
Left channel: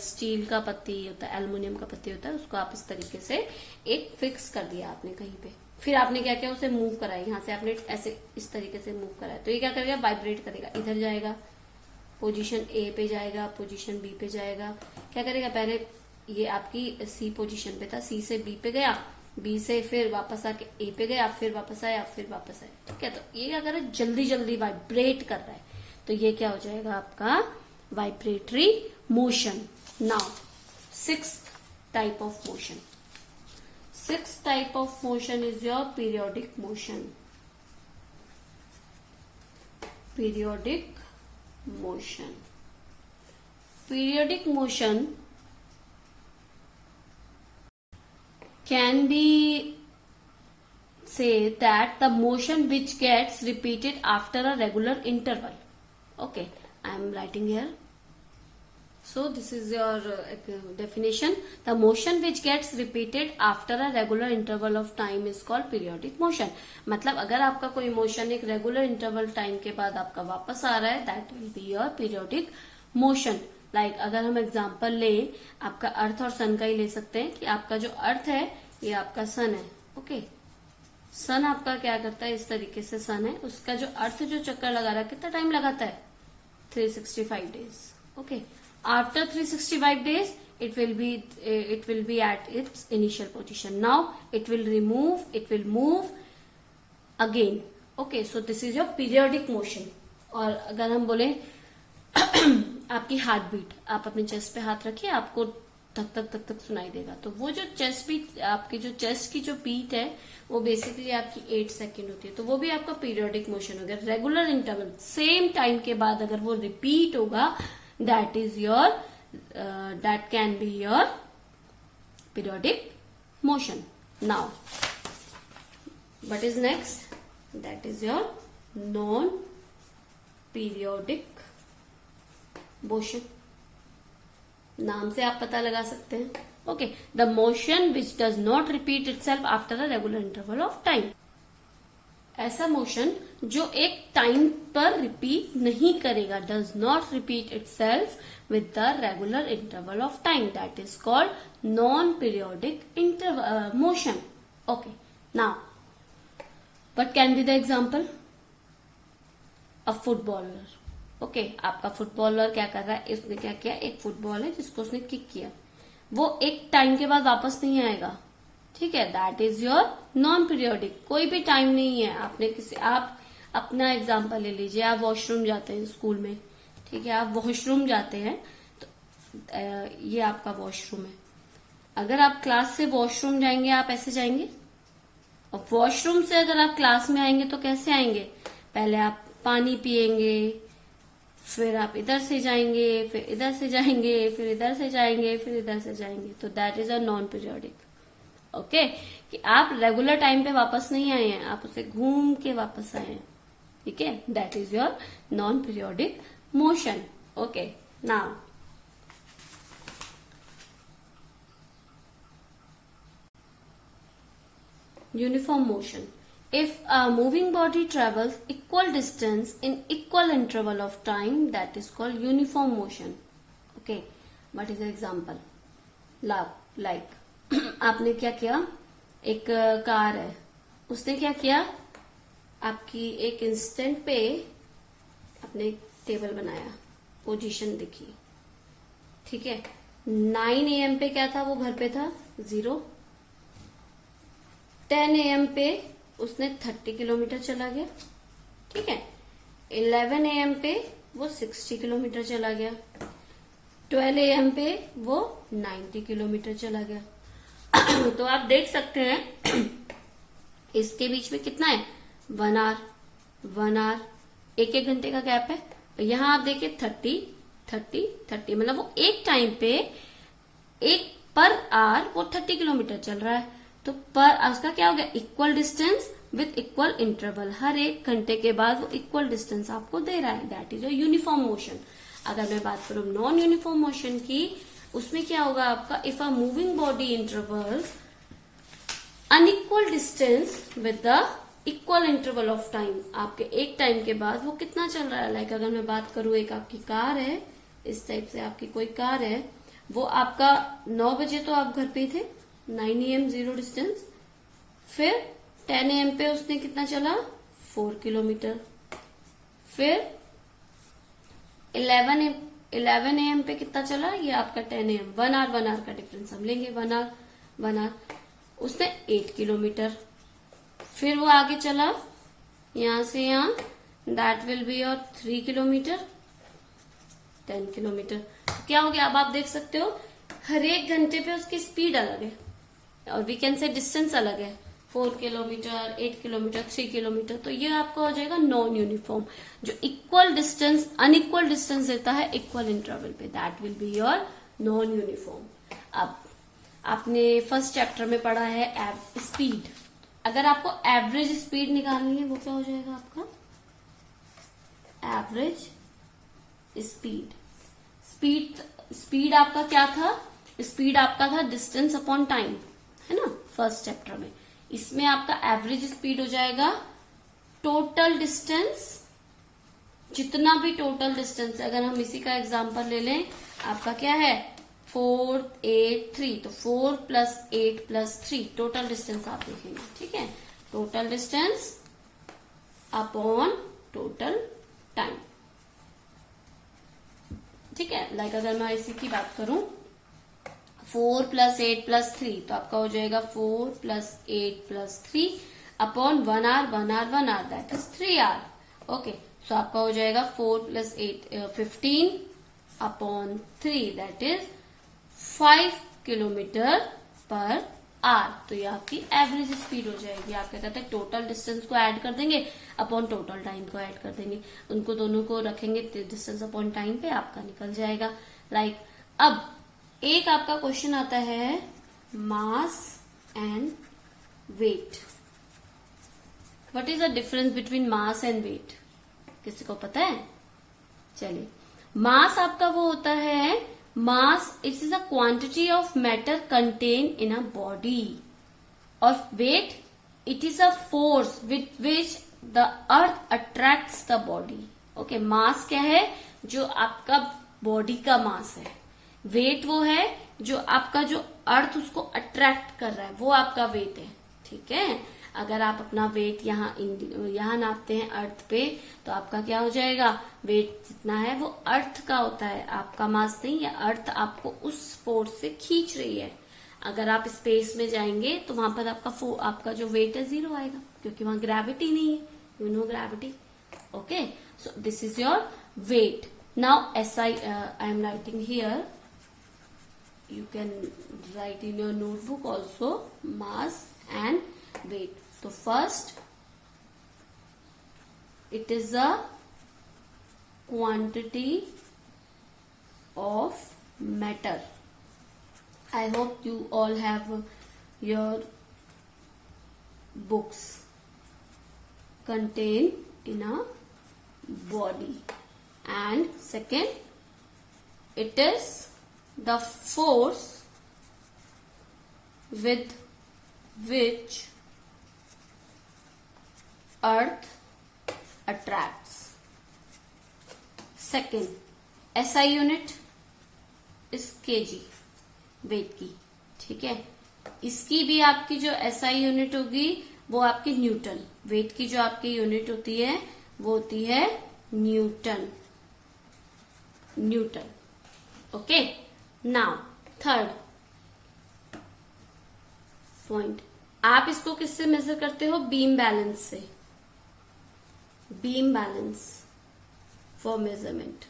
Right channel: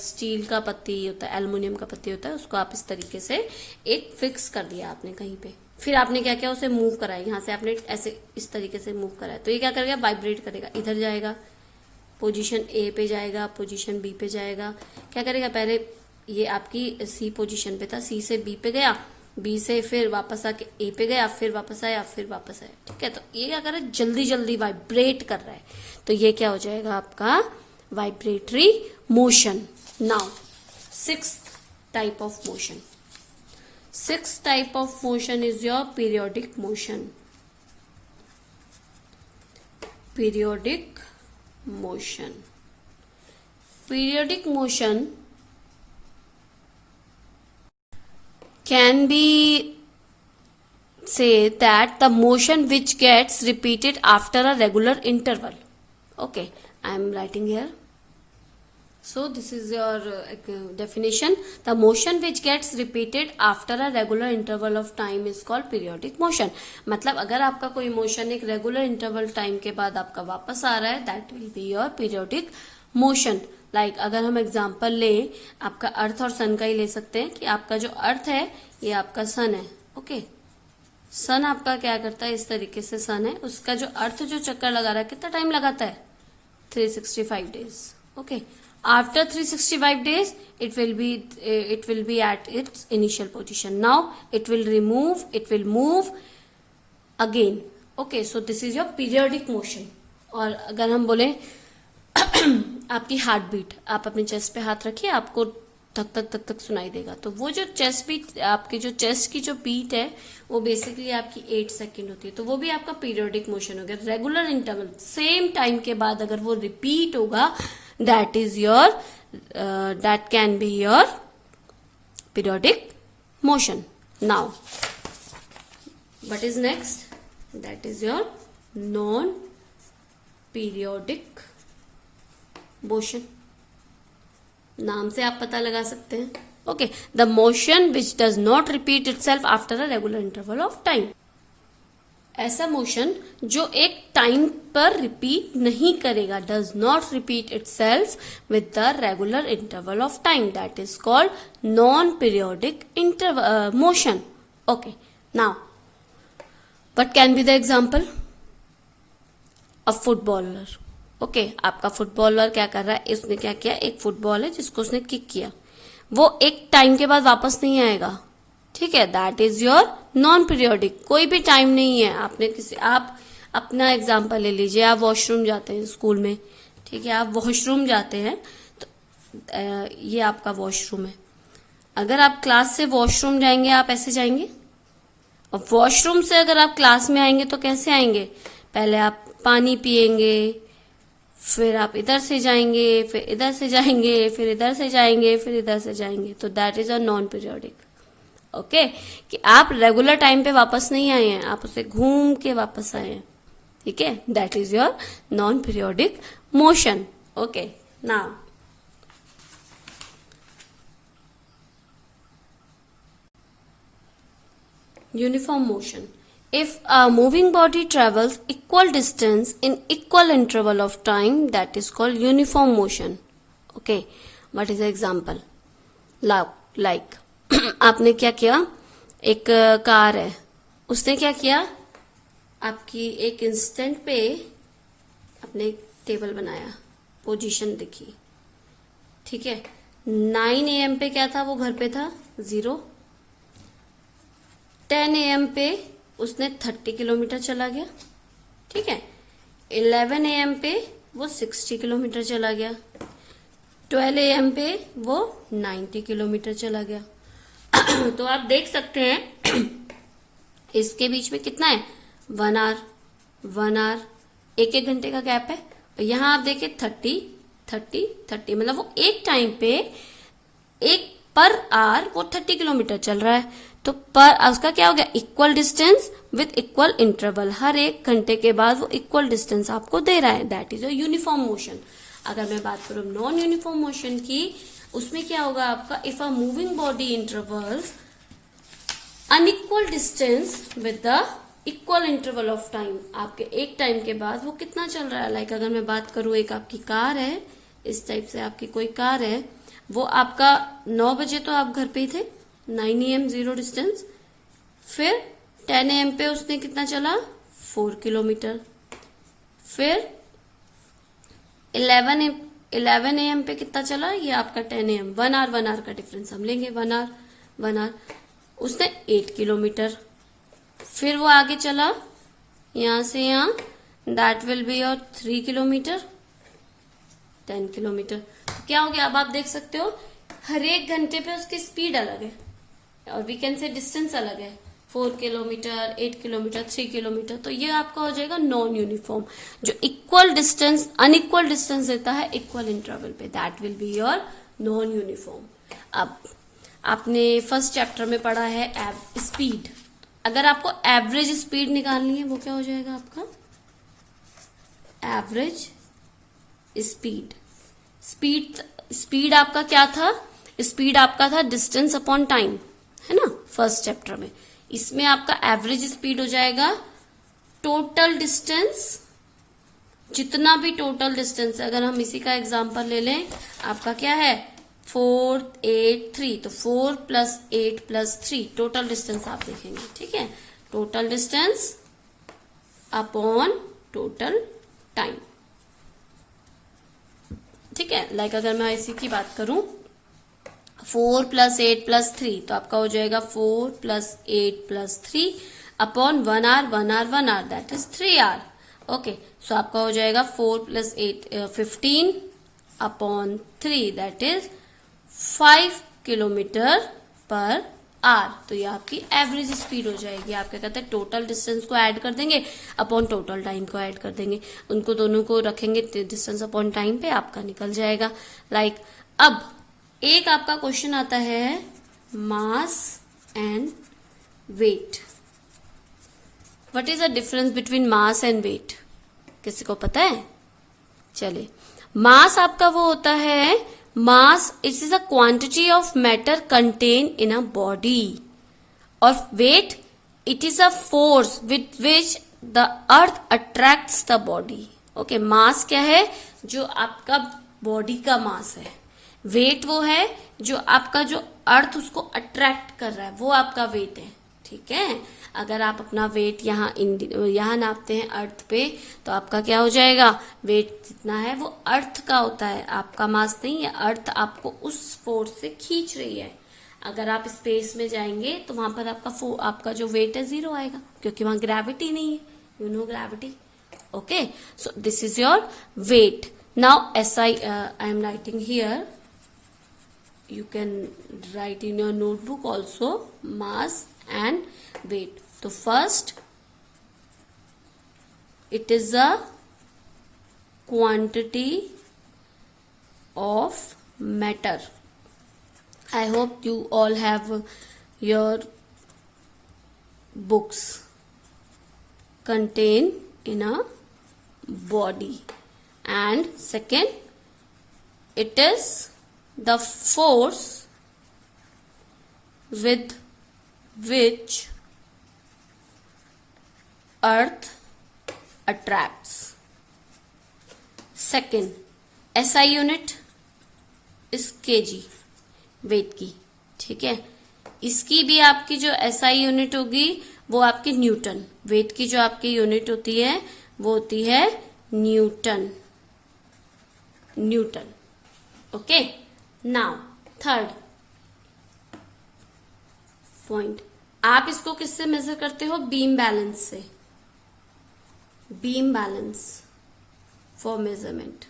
स्टील का पत्ती होता है, एल्युमिनियम का पत्ती होता है, उसको आप इस तरीके से एक फिक्स कर दिया आपने कहीं पे, फिर आपने क्या किया, उसे मूव कराया, यहाँ से आपने ऐसे इस तरीके से मूव कराया, तो ये क्या करेगा, वाइब्रेट करेगा, इधर जाएगा, पोजीशन ए पे जाएगा, पोजीशन बी पे जाएगा, क्या करेगा, पहले ये आपकी सी पोजीशन पे था, सी से बी पे गया, बी से फिर वापस आके ए पे गया, फिर वापस आया, फिर वापस आया। ठीक है, तो ये क्या कर रहा है, जल्दी जल्दी वाइब्रेट कर रहा है, तो ये क्या हो जाएगा आपका vibratory motion. Now sixth type of motion, sixth type of motion is your periodic motion. Periodic motion. Periodic motion can be say that the motion which gets repeated after a regular interval. Okay, I am writing here. So this is your definition. The motion which gets repeated after a regular interval of time is called periodic motion. मतलब अगर आपका कोई मोशन एक रेगुलर इंटरवल टाइम के बाद आपका वापस आ रहा है, that will be your periodic motion. Like अगर हम एग्जांपल लें, आपका अर्थ और सन का ही ले सकते हैं कि आपका जो अर्थ है ये आपका सन है। ओके, सन आपका क्या करता है, इस तरीके से सन है, उसका जो अर्थ जो चक्कर लगा रहा है कितना टाइम लगाता है, 365 days. Okay, after 365 days it will be at its initial position. Now it will move again. Okay, so this is your periodic motion. और अगर हम बोले आपकी हार्ट बीट, आप अपने चेस्ट पे हाथ रखिए, आपको धक धक धक धक सुनाई देगा, तो वो जो चेस्ट बीट, आपके जो चेस्ट की जो बीट है वो बेसिकली आपकी 8 सेकेंड होती है, तो वो भी आपका पीरियोडिक मोशन हो गया। रेगुलर इंटरवल सेम टाइम के बाद अगर वो रिपीट होगा, that is your that can be your periodic motion. Now what is next, that is your non periodic motion. नाम से आप पता लगा सकते हैं। Okay, the motion which does not repeat itself after a regular interval of time. ऐसा मोशन जो एक टाइम पर रिपीट नहीं करेगा, does not repeat itself with the regular interval of time, that is called non periodic motion. Okay, now what can be the example, a footballer. Okay, आपका फुटबॉलर क्या कर रहा है, इसने क्या किया, एक फुटबॉल है जिसको उसने किक किया, वो एक टाइम के बाद वापस नहीं आएगा. ठीक है, that is your non periodic, कोई भी टाइम नहीं है. आपने किसी, आप अपना एग्जांपल ले लीजिए, आप वॉशरूम जाते हैं स्कूल में, ठीक है, आप वॉशरूम जाते हैं, तो ये आपका वॉशरूम है. अगर आप क्लास से वॉशरूम जाएंगे, आप ऐसे जाएंगे, और वॉशरूम से अगर आप क्लास में आएंगे तो कैसे आएंगे, पहले आप पानी पिएंगे, फिर आप इधर से जाएंगे, फिर इधर से जाएंगे, फिर इधर से जाएंगे, फिर इधर से जाएंगे, तो that is a non periodic. Okay, कि आप रेगुलर टाइम पे वापस नहीं आए हैं, आप उसे घूम के वापस आए हैं. ठीक है, that is your non periodic motion. Okay, now uniform motion. If a moving body travels equal distance in equal interval of time, that is called uniform motion. Okay, what is the example? Like आपने क्या किया, एक कार है, उसने क्या किया, आपकी एक इंस्टेंट पे अपने एक टेबल बनाया, पोजीशन देखी. ठीक है, 9 AM पे क्या था, वो घर पे था 0. 10 AM पे उसने 30 किलोमीटर चला गया. ठीक है, 11 AM पे वो 60 किलोमीटर चला गया. 12 AM पे वो 90 किलोमीटर चला गया. तो आप देख सकते हैं इसके बीच में कितना है, 1 आवर, 1 घंटे का गैप है. यहां आप देखिए 30, मतलब वो एक टाइम पे एक पर आवर वो 30 किलोमीटर चल रहा है. तो पर उसका क्या हो गया, equal distance with equal interval, हर 1 घंटे के बाद वो इक्वल डिस्टेंस आपको दे रहा है. That is a uniform motion. अगर मैं बात करूं नॉन यूनिफॉर्म मोशन की, उसमें क्या होगा आपका, if a moving body intervals unequal distance with the equal interval of time, आपके एक टाइम के बाद वो कितना चल रहा है। लाइक अगर मैं बात करूं, एक आपकी कार है, इस टाइप से आपकी कोई कार है, वो आपका 9 बजे तो आप घर पे ही थे, 9 AM जीरो डिस्टेंस, फिर 10 AM पे उसने कितना चला, 4 किलोमीटर, फिर 11 AM पे कितना चला, ये आपका 10 AM, 1 आवर का डिफरेंस हम लेंगे, 1 आवर उसने 8 किलोमीटर, फिर वो आगे चला यहां से यहां, that will be your 3 kilometre, 10 kilometre. क्या हो गया, अब आप देख सकते हो हर एक घंटे पे उसकी स्पीड अलग है, और वी कैन से डिस्टेंस अलग है, 4 किलोमीटर, 8 किलोमीटर, 3 किलोमीटर। तो ये आपका हो जाएगा नॉन यूनिफॉर्म। जो इक्वल डिस्टेंस अनइक्वल डिस्टेंस देता है इक्वल इंटरवल पे, that will be your non uniform. अब आपने फर्स्ट चैप्टर में पढ़ा है स्पीड। अगर आपको एवरेज स्पीड निकालनी है, वो क्या हो जाएगा आपका, एवरेज स्पीड। स्पीड आपका क्या था, स्पीड आपका था डिस्टेंस अपॉन टाइम, है ना, फर्स्ट चैप्टर में। इसमें आपका एवरेज स्पीड हो जाएगा टोटल डिस्टेंस, जितना भी टोटल डिस्टेंस है। अगर हम इसी का एग्जांपल ले लें, आपका क्या है 4, 8, 3, तो 4 + 8 + 3 टोटल डिस्टेंस आप देखेंगे, ठीक है, total distance upon total time, ठीक है। लाइक अगर मैं इसी की बात करूं, 4 + 8 + 3, तो आपका हो जाएगा 4 + 8 + 3 upon 1 hour, that is 3 hour. Okay, so आपका हो जाएगा 4 + 8 15 upon 3, that is 5 kilometre per hour. तो ये आपकी एवरेज स्पीड हो जाएगी। आप क्या कहते हैं, टोटल डिस्टेंस को ऐड कर देंगे अपॉन टोटल टाइम को ऐड कर देंगे, उनको दोनों को रखेंगे डिस्टेंस अपॉन टाइम पे, आपका निकल जाएगा। लाइक अब एक आपका क्वेश्चन आता है mass and weight. What is the difference between mass and weight, किसी को पता है? चलिए, मास आपका वो होता है, mass it is a quantity of matter contain in a body, और weight it is a force with which the earth attracts the body. Okay, mass क्या है, जो आपका बॉडी का मास है। वेट वो है जो आपका जो अर्थ उसको अट्रैक्ट कर रहा है, वो आपका वेट है, ठीक है। अगर आप अपना वेट यहाँ नापते हैं अर्थ पे, तो आपका क्या हो जाएगा, वेट जितना है वो अर्थ का होता है, आपका मास नहीं है। अर्थ आपको उस फोर्स से खींच रही है। अगर आप स्पेस में जाएंगे तो वहां पर आपका जो वेट है 0 आएगा, क्योंकि वहां ग्रेविटी नहीं है, you know gravity. Okay, so this is your weight. Now I am writing here, you can write in your notebook also, mass and weight. So first, it is a quantity of matter. I hope you all have your books contain in a body. And second, it is the force with which earth attracts. Second, SI unit is kg, weight की, ठीक है। इसकी भी आपकी जो SI यूनिट होगी वो आपकी न्यूटन, वेट की जो आपकी यूनिट होती है वो होती है Newton. Okay, now third point, आप इसको किससे मेजर करते हो, बीम बैलेंस से, beam balance for measurement.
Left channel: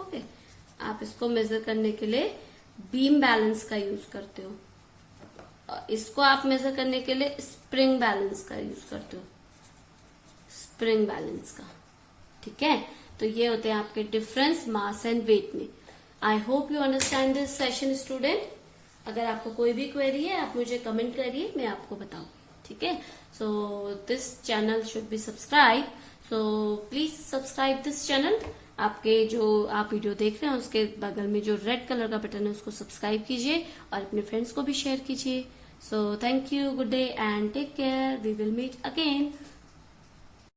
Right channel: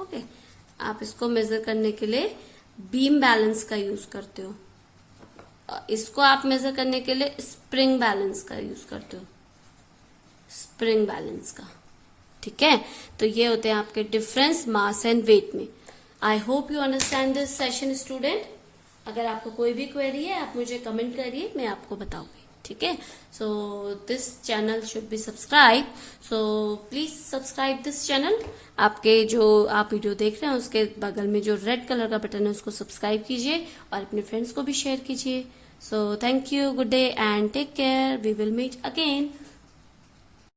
Okay, आप इसको मेजर करने के लिए बीम बैलेंस का यूज करते हो, इसको आप मेजर करने के लिए स्प्रिंग बैलेंस का यूज करते हो, स्प्रिंग बैलेंस का, ठीक है। तो ये होते हैं आपके डिफरेंस मास एंड वेट में। I hope you understand this session student. अगर आपको कोई भी क्वेरी है आप मुझे कमेंट करिए, मैं आपको बताऊंगी, ठीक है। So this channel should be subscribe, so please subscribe this channel. आपके जो आप वीडियो देख रहे हैं उसके बगल में जो रेड कलर का बटन है उसको सब्सक्राइब कीजिए और अपने फ्रेंड्स को भी शेयर कीजिए। So thank you, good day and take care. We will meet again.